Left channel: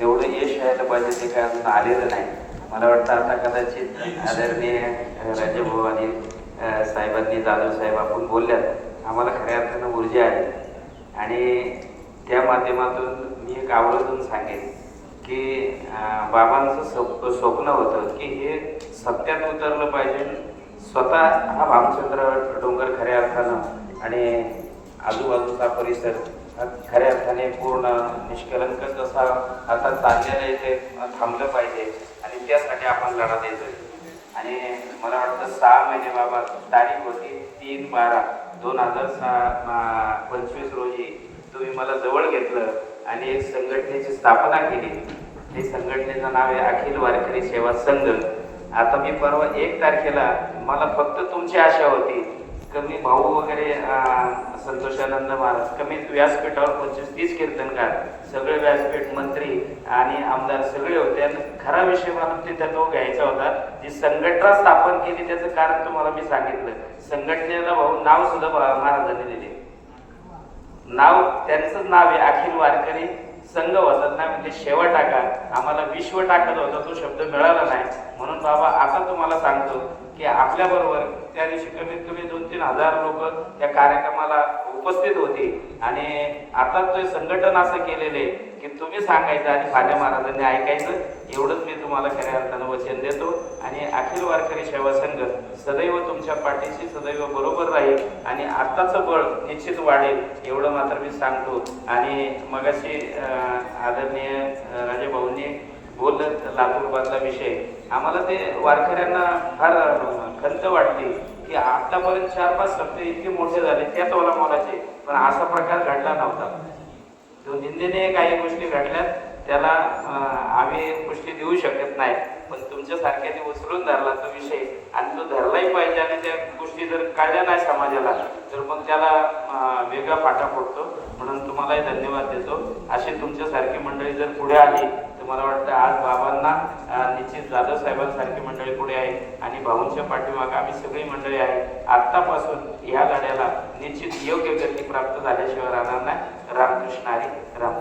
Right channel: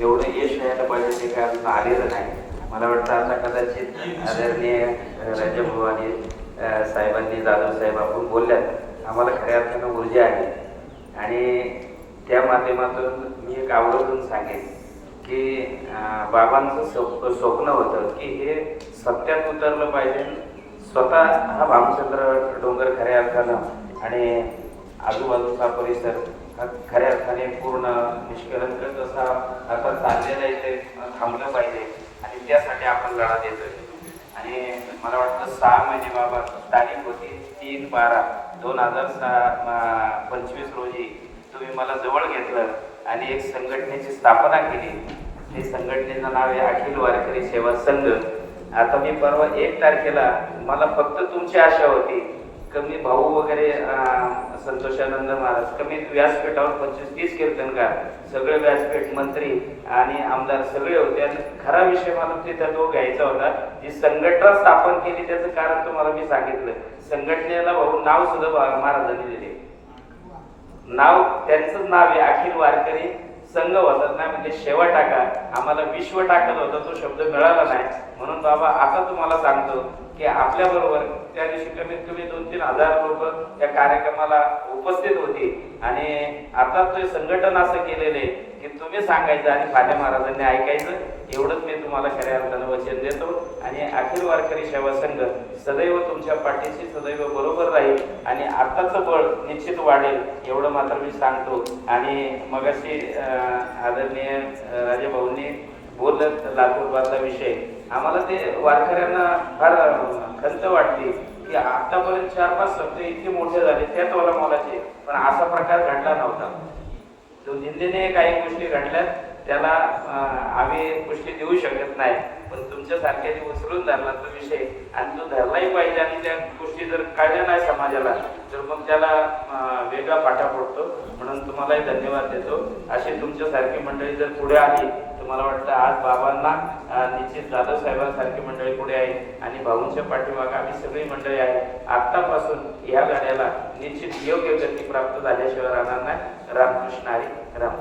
एवढं यश व्हायला पाहिजे ते काय अजून आलेलं नाही. मला वाटतं आता कदाचित आदरणीय राजेभाऊ आणि साहेबांनी, जाधव साहेब आपण बोलल्यात, आम्हाला खऱ्या अर्थानं ऊर्जा आली. आणि त्या माध्यमातून मी एक आवर्जून सांगेन की बाबांचं स्वप्न होतं की हे सत्यात उतरलं पाहिजे. स्वतः हा भामचंद्र डोंगर खऱ्या अर्थानं आणि आजूबाजूचा परिसर खऱ्या अर्थाने पूर्ण निष्कलंक असा आता चाललेला इथे थांबलं पाहिजे आणि त्यासाठी आपण लढा देतोय. आणि मला वाटतं 6 महिने बाबा, तारीख होती 3/12/2025 रोजी तुम्ही मला जवळ घेतलं आणि एक संघटनेची स्थापना केली. ते संघटनेचं नाव आहे अखिल वारकरी सेवा संघ. आता मी परवा 1 तारखेला मला फक्त तुमची आशा होती कमी भाऊ वगैरे संतोषानंद महाराज कमी व्यासपीठावर 25-30 कीर्तनकार, सगळे व्यासपीठ मंत्री आणि आमदार सगळे होते. आणि खरा विषय मला तिथे तो घ्यायचा होता. जी संघटना स्थापन केली त्याचं कारण तुम्हाला मी सांगितलं. संघटनेला भाऊ नाव सुद्धा महाराजांनी दिले. नाव त्यांचंच नाव आहे अखिल वारकरी संघ होतात नाही म्हणजे शेवा टाका. आम्हाला विश्व टाकत होता, तो शब्द मिळाला नाही. म्हणून बाबा आता तुम्हाला सांगतो की आपल्या बरोबर त्या दिवशी कमीत कमी 2-3 हजार लोक त्या कार्यक्रमाला उपस्थित होते. आणि आता ते संघटन असं केलेलं आहे की तुम्ही सांगायचं आणि खाल्या महाराजांनी ऐकायचं. एवढंच मी तुम्हाला खऱ्या अर्थानं वचन देतो. आणि अखिल वारकरी सेवा संघ सदैव तुमच्या पाठीशी सदैव बरोबर राहील आणि आत्ताचं बळ निश्चित वाढेल एवढं मात्र मी सांगतो. आणि मगाशी आदरणीय राजेभाऊंनी बोलत लातूरबादचा विषय, आम्हाला ते वारकऱ्यांना फार खंत वाटते की आतापर्यंत 4-5 सप्ते इतके मोठे झाले त्याच वरामालाचे, पण असा प्रकार घडला नव्हता. तो निंदेने काही गोष्टी घडल्यात, त्याला आम्ही पुष्टी देऊ शकत नाही. पण तुमच्यासारख्याने उचलून धरला तो विषय आणि तो धरलाही पाहिजे. आणि त्या गोष्टी जर कळल्या नाही समाजाला तर मग त्याला वेगळा फाटा पडतो. म्हणून तुम्हालाही धन्यवाद देतो. अशी तुमच्यासारखी मंडळी जर पुढे आली तर मला वाटतं आज बाबांना निश्चित जाधव साहेबांसारखी मंडळी पुढे आहे आणि भाऊंच्या पाठीमागे आम्ही सगळी मंडळी आहे. आत्तापासून या लढ्याला निश्चित योग्य गती प्राप्त झाल्याशिवाय राहणार नाही. रामकृष्ण हरी. राम.